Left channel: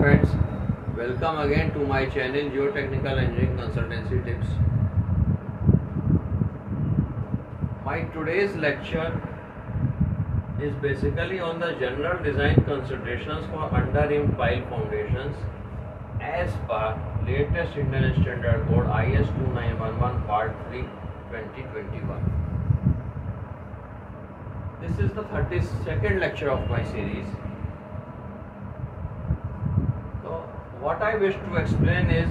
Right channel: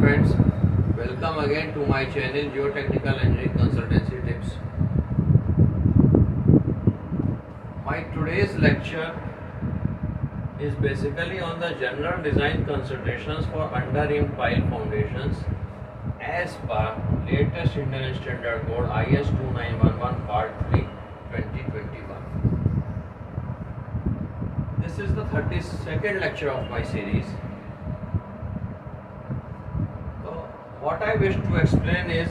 friends, welcome again to my channel Geotechnical Engineering Consultancy Tips. My today's lecture is basically on the general design considerations for under-rim pile foundations as per latest Indian Standard Code IS 2911 Part 3 2021. This is the 32nd lecture of my series. What I wish to explain is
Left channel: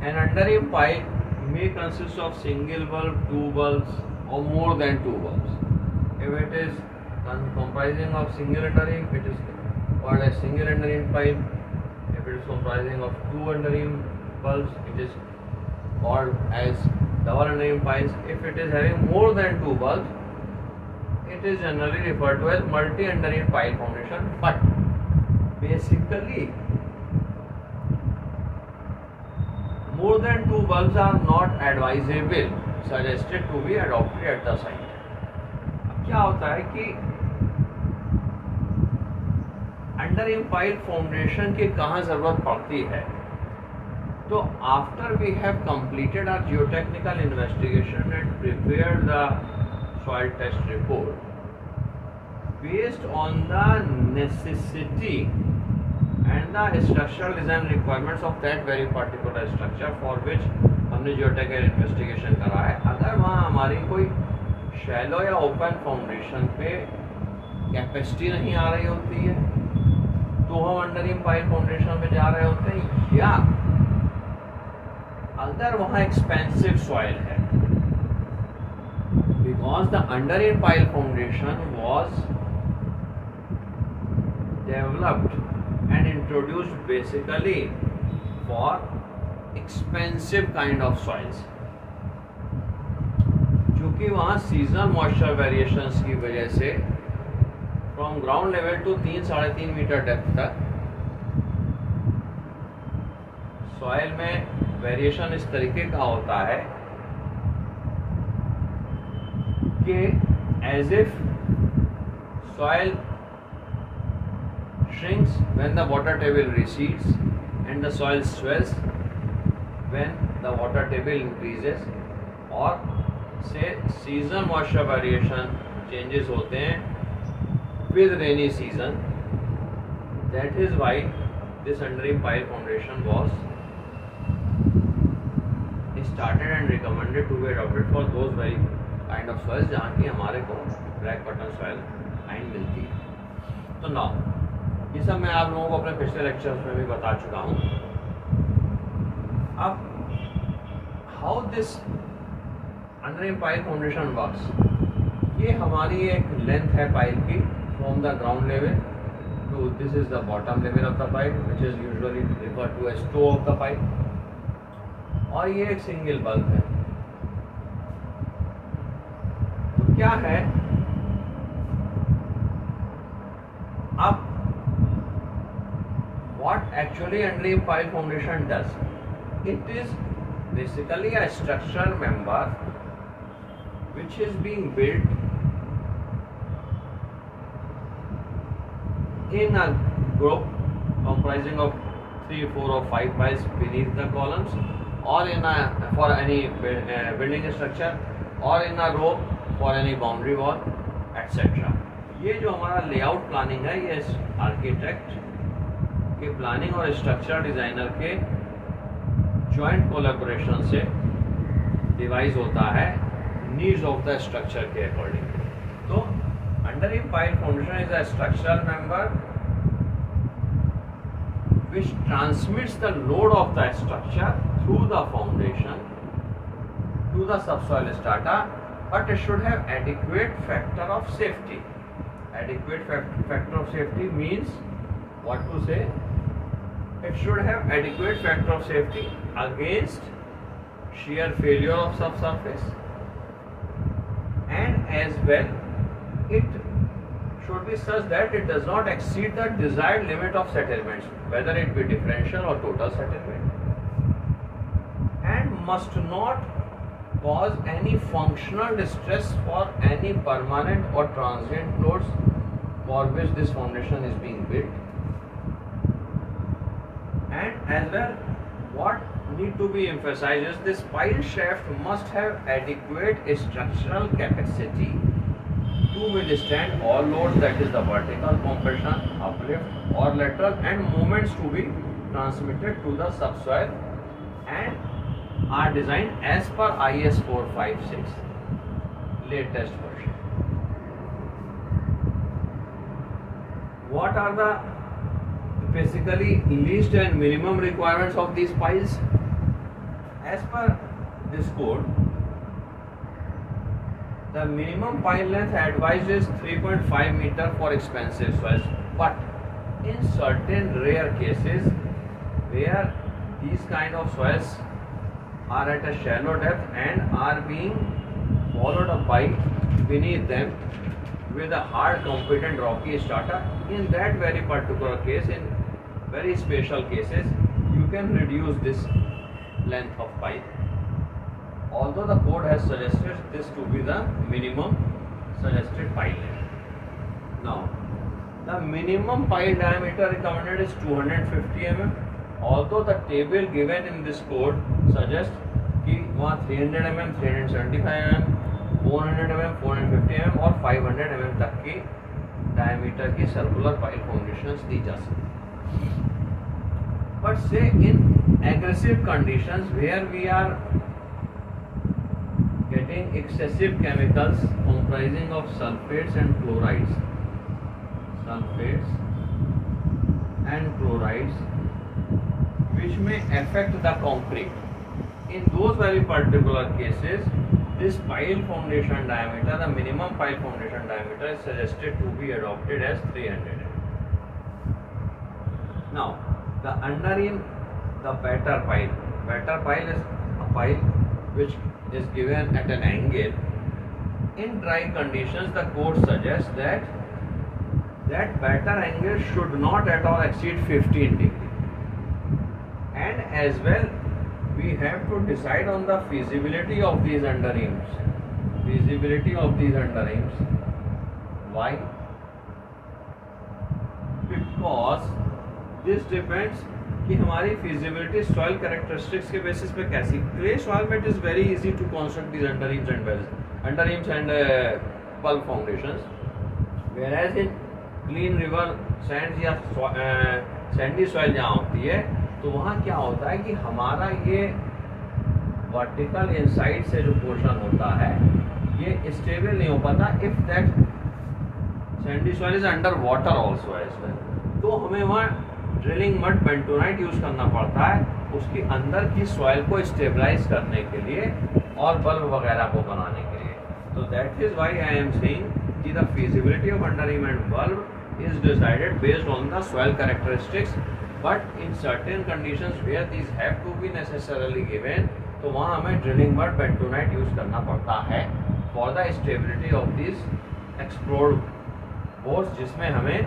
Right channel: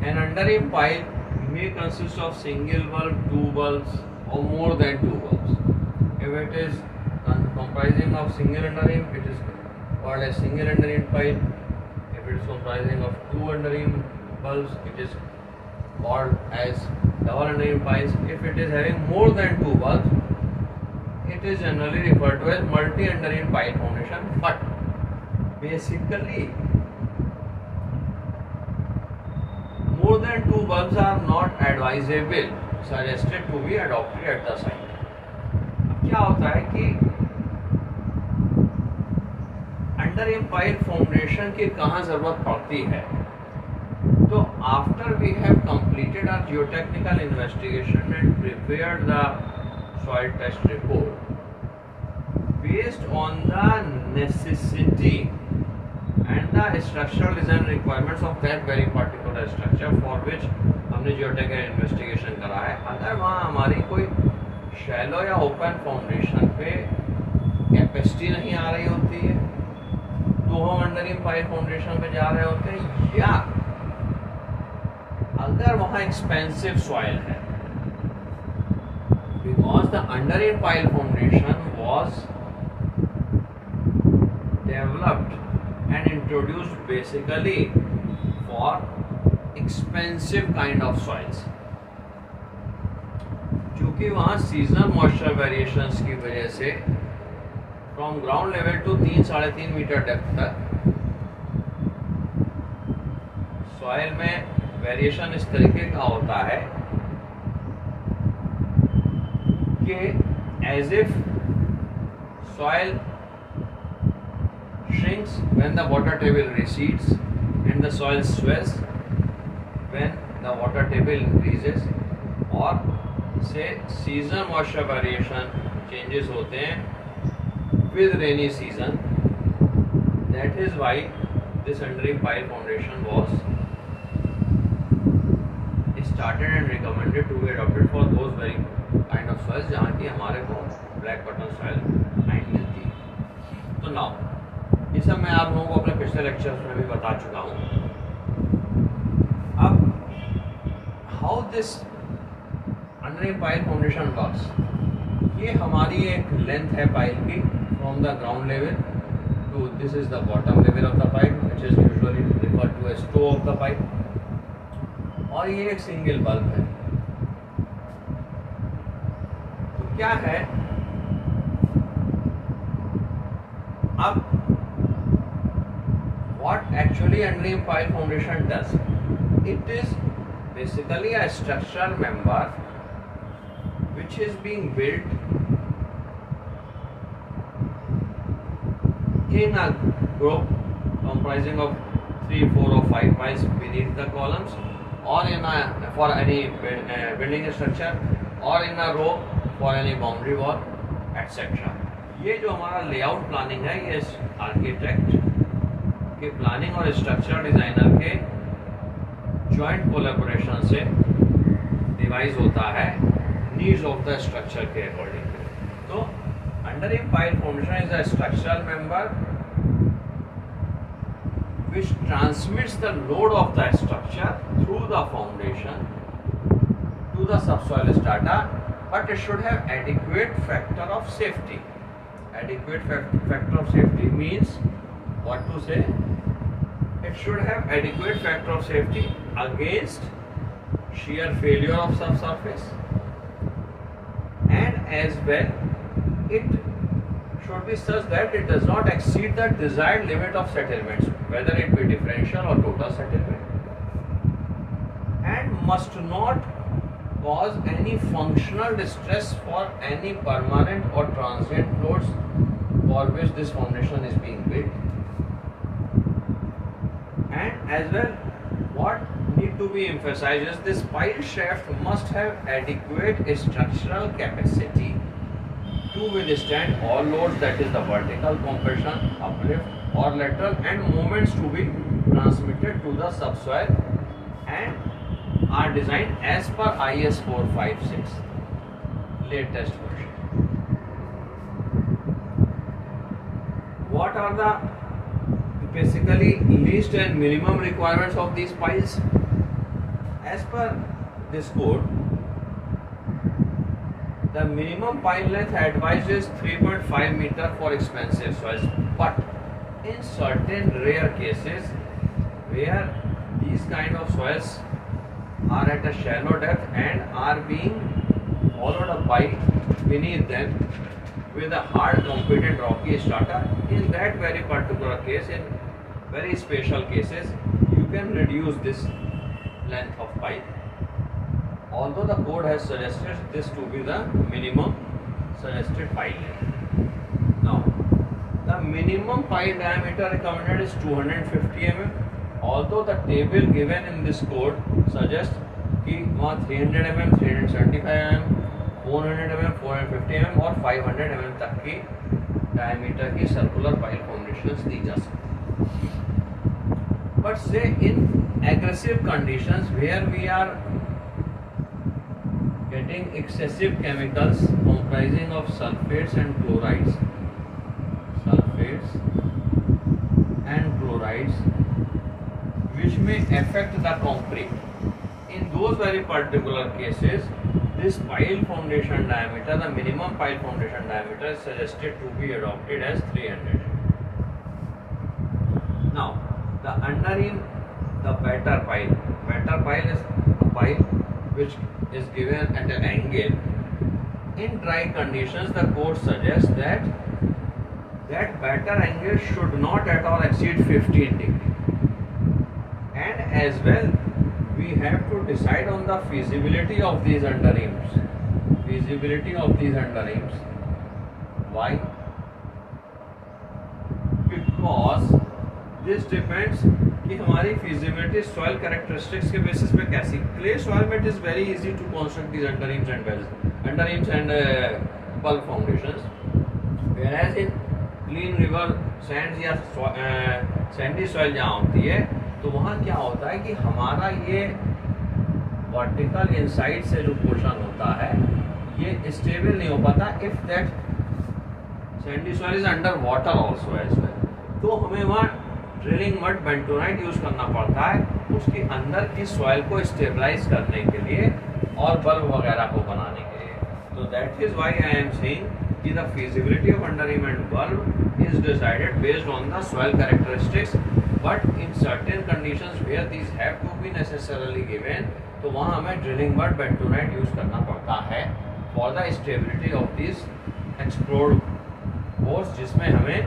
an under-rim pile may consist of single bulb, two bulbs or more than two bulbs. If it is comprising of single under-rim, it is called as single under-rim pile. If it is comprising of two under-rim bulbs, it is called as double under-rim piles. If it is having more than two bulbs, it is generally referred to as multi under-rim pile foundation. But basically, more than two bulbs are not advisable, suggested to be adopted at the site. अब क्या होता है कि under-rim pile foundation की कहाँ जरूरत पड़ती है? तो after we have completed our geotechnical investigation and prepared the soil test report, based on the necessity and the structural design requirements of that very particular structure for which हमने geotechnical investigation करा है, अगर वहाँ हमारी कोई shallow या open foundation पे capacity नहीं आ रही होती है तो हम अंडर-रिम पाइल फाउंडेशन पे जा रहे होते हैं, या अगर वहाँ एक्सपेंसिव सॉइल है, because the under-rim pile foundation was developed and introduced basically for expensive kind of soils, क्योंकि वहाँ सीजनल मॉइस्चर वेरिएशंस की वजह से from ground level to 3-3.5 metre depth तक सॉइल में वेरिएशन इस तरीके का होता है कि as if soil shrinks when the water table recedes and the soil swells when the water table increases, और से seasonal moisture variation changes होते हैं with rainy season. That is why this under-rim pile foundation was started and recommended to be adopted for those very kind of soils जहाँ की हमारे को black bottom soil fine मिलती है. तो now ये सब मैं आप लोगों को अपने पिछले लेक्चर्स में भी बता चुका हूँ. अब how this under reamed pile foundation works, ये हमारी एक लेंथ है पाइल की from the ground level to this is the bottom level of the pipe which is usually referred to as toe of the pipe, और ये एक single bulb है. तो क्या है, अब what actually under-rim pile foundation does, it is basically a structural member which is being built in a group comprising of 3, 4 or 5 piles beneath the columns, or in a for any building structure, or in a row for any boundary wall, etc. ये जो हमारा layout planning है, ये architect के planning और structure designer के joint collaboration से device होता है नीड्स ऑफ द स्ट्रक्चर के अकॉर्डिंग. तो under-rim pile foundation is a structural member which transmits the load of the structure through the foundation to the subsoil strata, but it should have adequate factor of safety. Adequate factor of safety means what to say? It should have adequate factor of safety against shear failure of subsurface, and as well it should be such that it does not exceed the desired limit of settlements, whether it be differential or total settlement, and must not cause any functional distress for any permanent or transient loads for which this foundation is being built, and as well what need to be emphasized is this pile shaft must have adequate structural capacity to withstand all loads, that is the vertical compression, uplift or lateral, and moments to be transmitted to the subsoil, and are designed as per IS 456 latest version. What are the basically least and minimum requirements of these piles? As per this code, the minimum pile length advised is 3.5 meter for expensive soils, but in certain rare cases where these kind of soils are at a shallow depth and are being followed up by beneath them with a hard competent rocky strata, in that very particular case, in very special cases, you can reduce this length of pile. Although the code has suggested this to be the minimum suggested pile length. Now, the minimum pile diameter recommended is 250 mm. Although the table given in this code suggests कि वहाँ 300 mm, 375 mm, 400 mm, 450 mm और 500 mm तक की diameter की circular pile foundations दी जा सकती है. But say in aggressive conditions where we are getting excessive chemicals comprising of sulfates and chlorides, which may affect the concrete. In those very particular cases, this pile foundation diameter, the minimum pile foundation diameter, is suggested to be adopted as 300. Now, the underneath the batter pile. Batter pile is a pile which is given at an angle. In dry conditions, the code suggests that batter angle should not at all exceed 15 degree. And as well, we have to decide on the feasibility of these underreams. Why? Because this depends कि हमारी feasibility soil characteristics के basis पे कैसी. Clay soil में it is very easy to construct these underreams and bulk foundations, whereas in clean river sands या sandy soil जहाँ होती है, तो वहाँ क्या होता है कि हमारा ये वर्टिकल इनसाइड से जो पोर्शन होता है ये स्टेबल नहीं हो पाता. If that sandy soil is under water also as well, तो हमें वहाँ ड्रिलिंग मड बेंटोनाइट यूज करना पड़ता है उसके अंदर की सॉइल को स्टेबलाइज करने के लिए और बल्ब वगैरह को बनाने के लिए. तो that is why I am saying कि the feasibility of underream and bulb is decided based on the soil characteristics. But in certain conditions where these have to be necessarily given, तो वहाँ हमें ड्रिलिंग मड बेंटोनाइट यूज करना पड़ता है for the stability of this explored bores, जिसमें हमें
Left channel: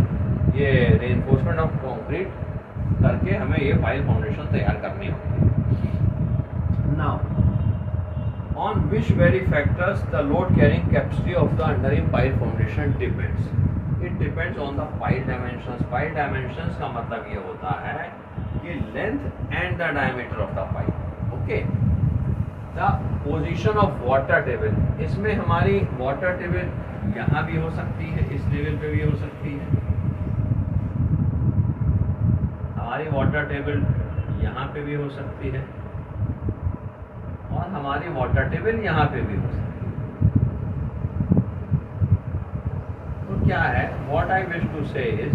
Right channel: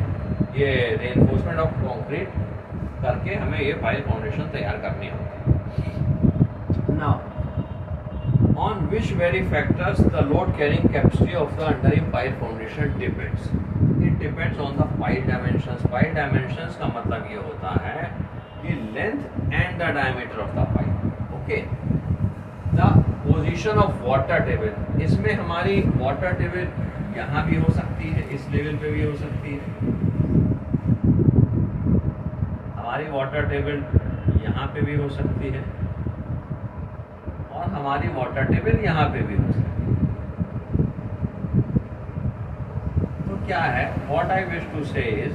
ये reinforcement of concrete करके हमें ये पाइल फाउंडेशन तैयार करनी होती है. Now, on which very factors the load carrying capacity of the underream pile foundation depends. It depends on the pile dimensions. Pile dimensions का मतलब ये होता है कि length and the diameter of the pile. Okay. The position of water table. इसमें हमारी water table यहाँ भी हो सकती है, इस लेवल पे भी हो सकती है. हमारी water table यहाँ पे भी हो सकती है और हमारी वाटर टेबल यहाँ पे भी हो सकती है. तो क्या है, व्हाट आई विश टू से इज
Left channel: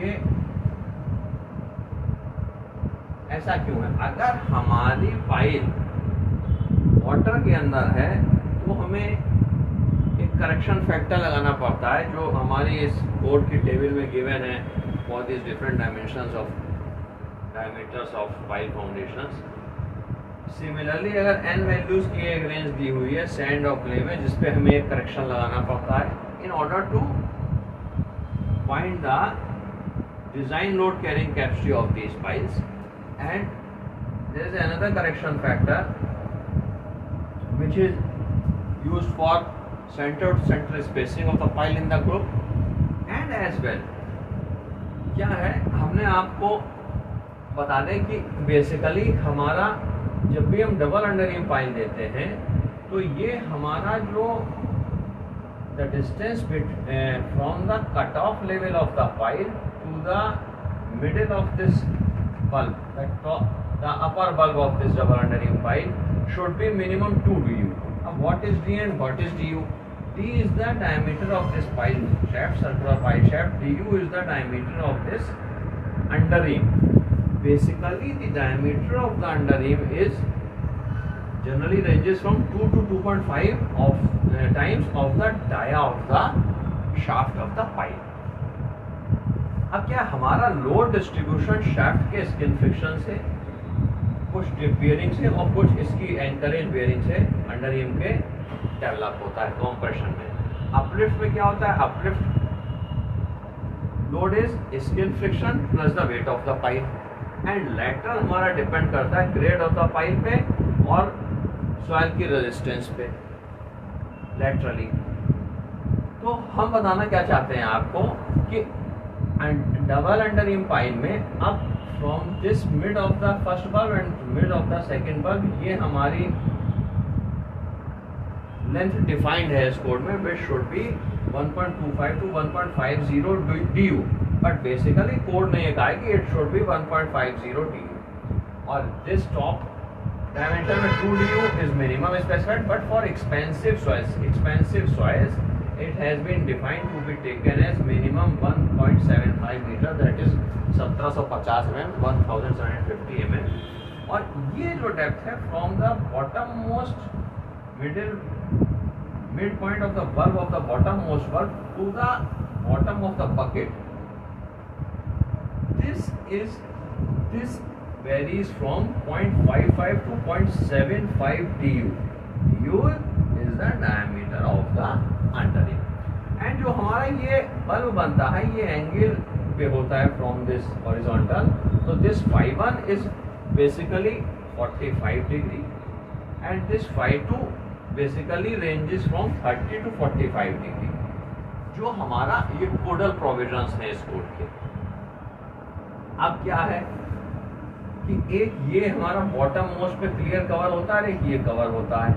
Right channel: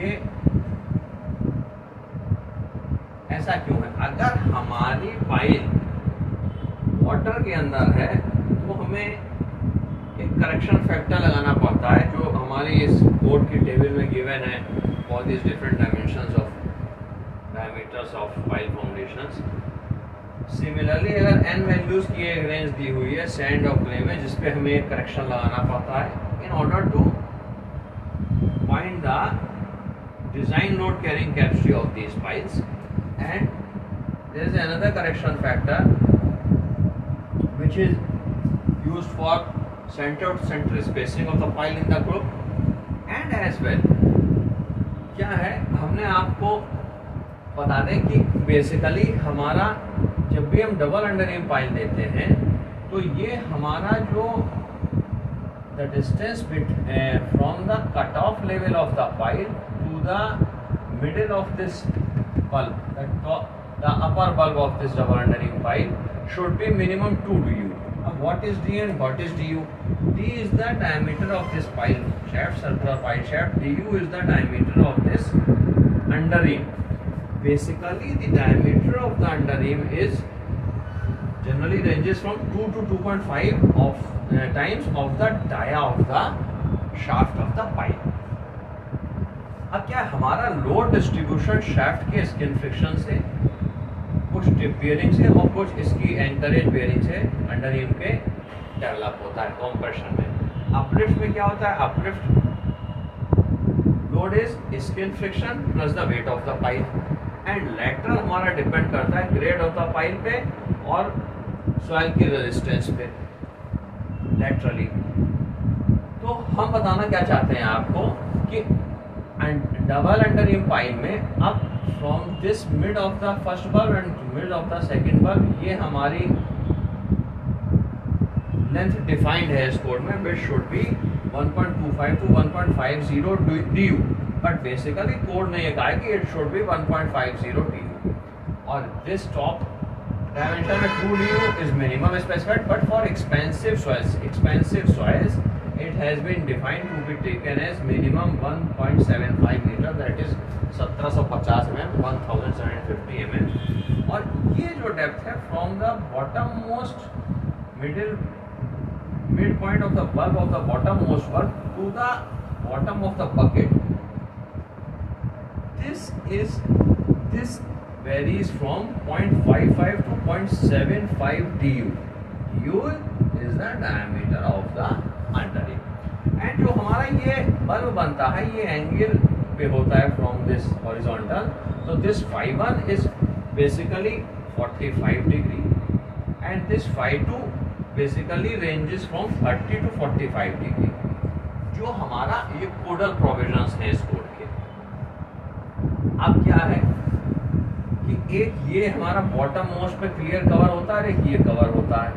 कि ऐसा क्यों है. अगर हमारी पाइल वाटर के अंदर है तो हमें एक करेक्शन फैक्टर लगाना पड़ता है जो हमारी इस कोड की टेबल में गिवन है for this different dimensions of diameters of pile foundations. Similarly अगर n वैल्यूज की एक रेंज दी हुई है सैंड और क्ले में, जिसपे हमें एक करेक्शन लगाना पड़ता है in order to find the design load carrying capacity of these piles. And there is another correction factor which is used for centre to centre spacing of the pile in the group. And and as well क्या है, हमने आपको बता दें कि basically हमारा जब भी हम डबल अंडररिम पाइल देते हैं तो ये हमारा जो the distance from the cut off level of the pile to the middle of this bulb, the upper bulb of this double underring pile should be minimum 2 du. What is d and what is du? D is the diameter of this pile shaft, circular pile shaft. Du is the diameter of this underream. Basically, the diameter of the underream is generally ranges from 2 to 2.5 of times of the dia of the shaft of the pile. अब क्या हमारा load distribution shaft के skin friction से, कुछ tip bearing से और कुछ इसकी एंकरेज बियरिंग से अंडररिम के डेवलप होता है कॉम्प्रेशन में। अपलिफ्ट में क्या होता है, uplift load is skin friction plus the weight of the pile, and lateral हमारा डिपेंड करता है ग्रेड ऑफ द पाइल पे और सॉइल की रेजिस्टेंस पे लैटरली। तो हम बताना क्या चाहते हैं आपको कि डबल अंडररिम पाइल में अब from this mid of the first bulb and mid of the second bulb ये हमारी लेंथ डिफाइंड है इस कोड में, which should be 1.25 to 1.50 du, but basically code ने ये कहा है कि इट शुड बी 1.50 du, और दिस टॉप डायमेंशन में 2 du is minimum specified, but for expensive soils it has been defined to be taken as minimum 1.75 meter, that is 1750 mm, 1750 mm. और ये जो डेप्थ है from the bottom most mid point of the bulb of the bottom most bulb to the bottom of the bucket, this varies from 0.55 to 0.75 du. du is the diameter of the underream, and जो हमारा ये bulb बनता है ये angle पे होता है from this horizontal, तो this φ1 is basically 45 degree and this φ2 basically ranges from 30 to 45 degree. जो हमारा ये कोडल प्रोविजंस है इस कोड के। अब क्या है कि एक ये हमारा बॉटम मोस्ट पे क्लियर कवर होता है, एक ये कवर होता है,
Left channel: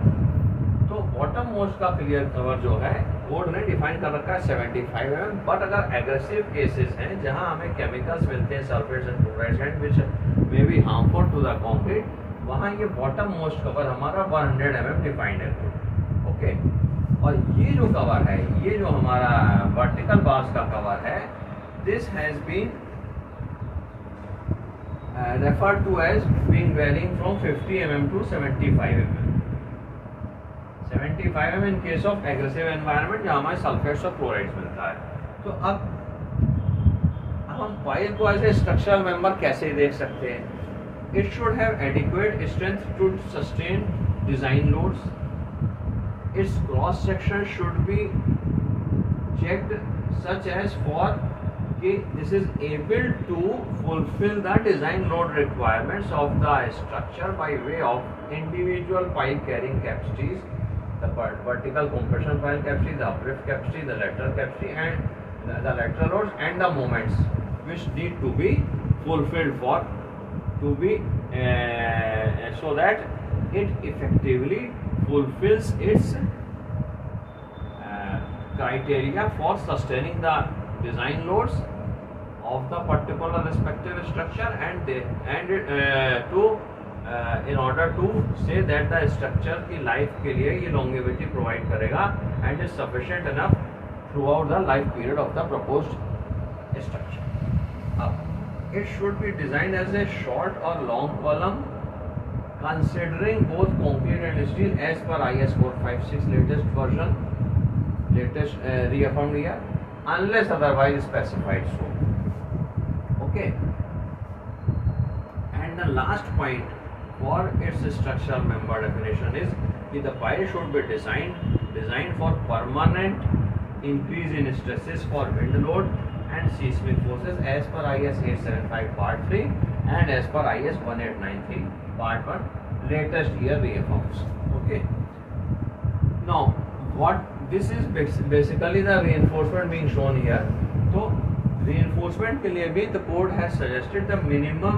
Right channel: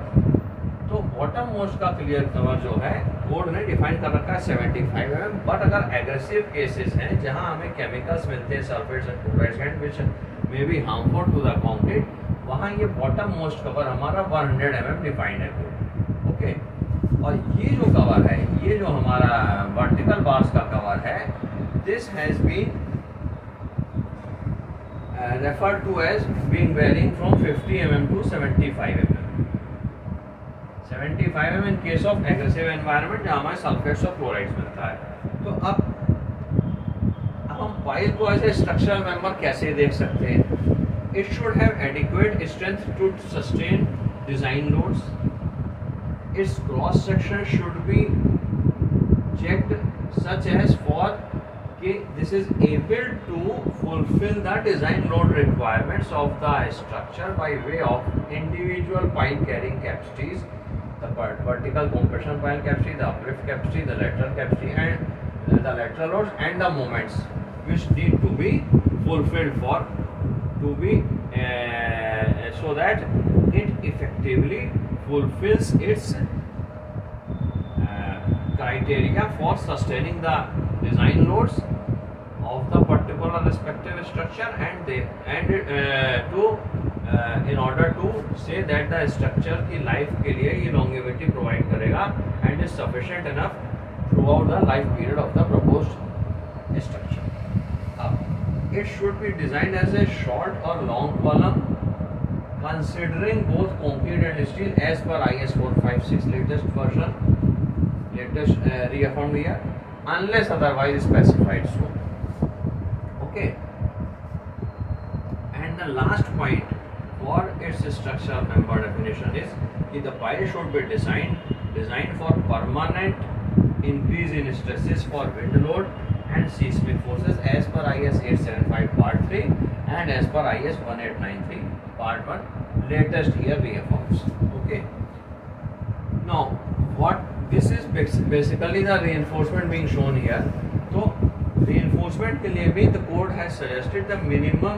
तो बॉटम मोस्ट का क्लियर कवर जो है कोड ने डिफाइन कर रखा है 75 mm, बट अगर एग्रेसिव केसेस हैं जहां हमें केमिकल्स मिलते हैं sulphates and chlorides and which may be harmful to the concrete, वहां ये बॉटम मोस्ट कवर हमारा 100 mm डिफाइंड है कोड। ओके, और ये जो कवर है, ये जो हमारा वर्टिकल बार्स का कवर है, this has been referred to as being varying from 50 mm to 75 mm. 75 mm in case of aggressive environment जहाँ हमारे सल्फेट्स और क्लोराइड्स मिलता है। तो अब हम पाइल को ऐसे स्ट्रक्चरल मेंबर कैसे देख सकते हैं? It should have adequate strength to sustain design loads, its cross section should be checked such as for this is able to fulfill the design load requirements of the structure by way of individual pile carrying capacities, the vertical compression pile capacity, the uplift capacity, the lateral capacity, and the lateral loads and the moments which need to be fulfilled for to be so that it effectively fulfills its criteria for sustaining the design loads of the particular respective structure, and in order to say that the structure की life के लिए ये longevity provide करेगा and is sufficient enough throughout the life period of the proposed structure. It should be designed as a short or long column considering both concrete and steel as per IS 456 latest version, reaffirmed here, unless otherwise specified so. Okay, and the last point for its structural member definition is that the pile should be designed for permanent increase in stresses for wind load and seismic forces as per IS 875 part 3 and as per IS 1893 part 1 latest year reaffirms. Okay, now what this is basically the reinforcement being shown here. तो reinforcement के लिए भी the code has suggested the minimum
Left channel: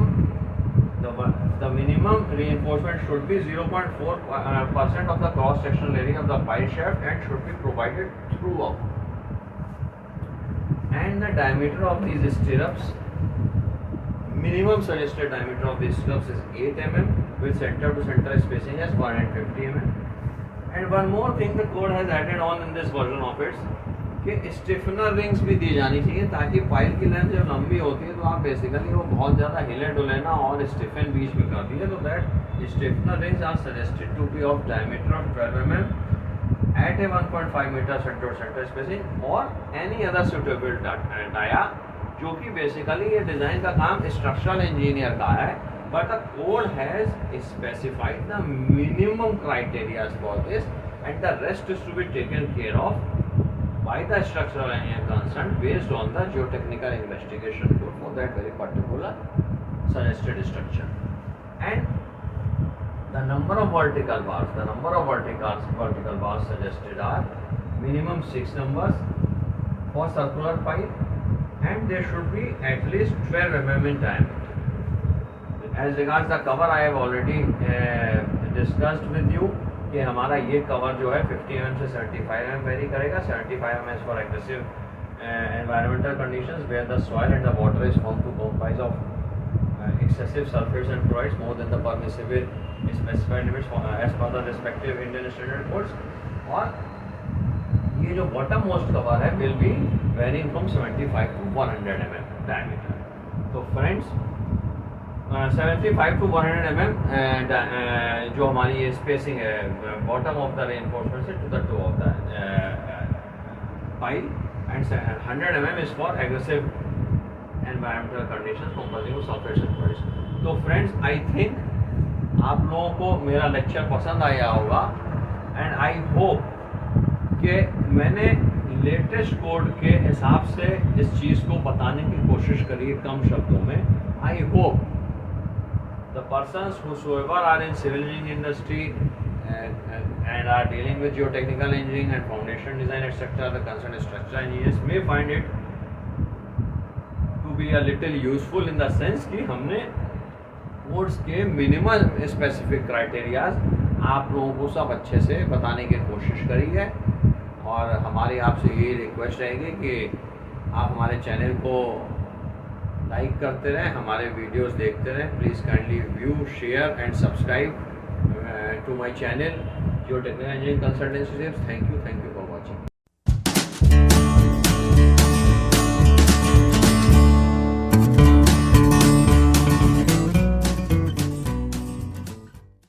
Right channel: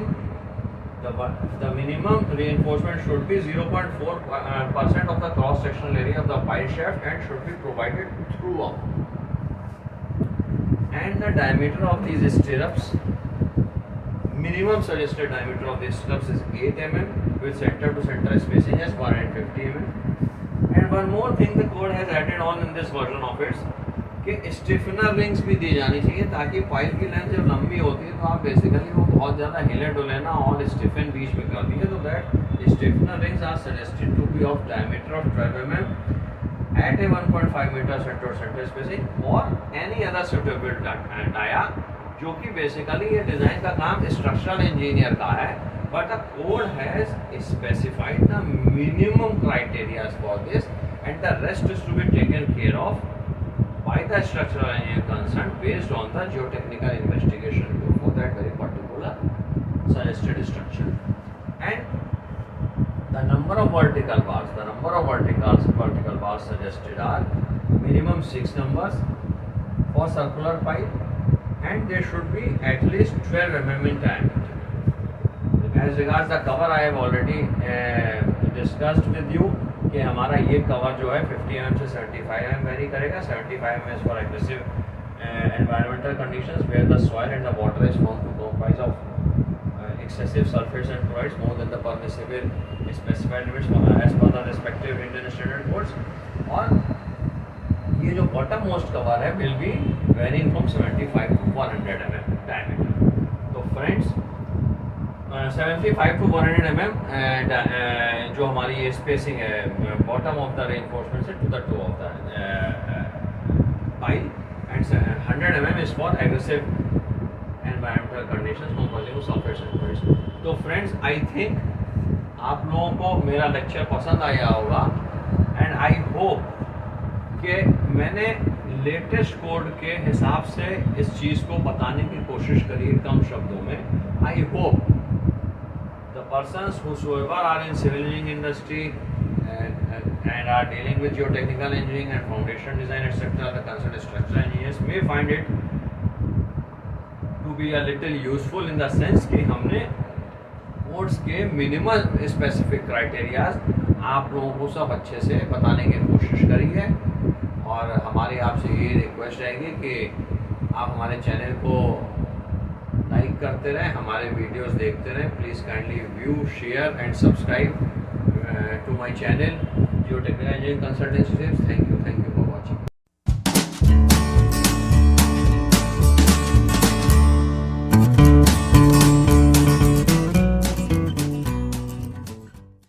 reinforcement should be 0.4% of the cross sectional area of the pile shaft and should be provided throughout. And the diameter of these stirrups, minimum suggested diameter of these stirrups is 8 mm with center to center spacing as 150 mm. And one more thing the code has added on in this version of it कि stiffener rings भी दी जानी चाहिए ताकि pipe की length जब लंबी होती है तो आप बेसिकली वो बहुत ज़्यादा हिले डुले ना और स्टिफन बीच में कर दिए, तो that stiffener rings are suggested to be of diameter of 12 mm at a 1.5 meter center to center spacing or any other suitable dia, जो कि बेसिकली ये डिज़ाइन का काम स्ट्रक्चरल इंजीनियर का है, but the code has specified the minimum criteria for this and the rest is to be taken care of by the structural engineer concerned based on the geotechnical investigation code for that very particular suggested structure. And the number of vertical bars suggested are minimum 6 numbers for circular pipe and they should be at least 12 mm in diameter. As regards the cover, I have already discussed with you कि हमारा ये cover जो है 50 mm से 75 mm very करेगा. 75 mm is for aggressive environmental conditions where the soil and the water is found to comprise of excessive sulfates and chlorides more than the permissible specified limits as per the respective Indian standard codes. और ये जो bottom most cover है will be varying from 75 to 100 mm diameter. तो friends 75 to 100 mm जो हमारी ये spacing है bottom of the reinforcement से to the toe of the pile and 100 mm is for aggressive environmental conditions comprising of sulphates and chlorides. तो friends I think आप लोगों को मेरा लेक्चर पसंद आया होगा एंड आई होप कि मैंने लेटेस्ट कोड के हिसाब से इस चीज़ को बताने की कोशिश करी कम शब्दों में. I hope the persons whosoever are in civil engineering industry and are dealing with geotechnical engineering and foundation design etc., the concerned structural engineers may find it to be a little useful in the sense कि हमने codes के minimal specific criterias आप लोगों को सब अच्छे से बताने की कोशिश करी है. और हमारी आपसे ये रिक्वेस्ट रहेगी कि आप हमारे चैनल को लाइक करते रहें, हमारे वीडियोस देखते रहें. Please kindly view share and subscribe to my channel geotechnical engineering consultancy. Thank you.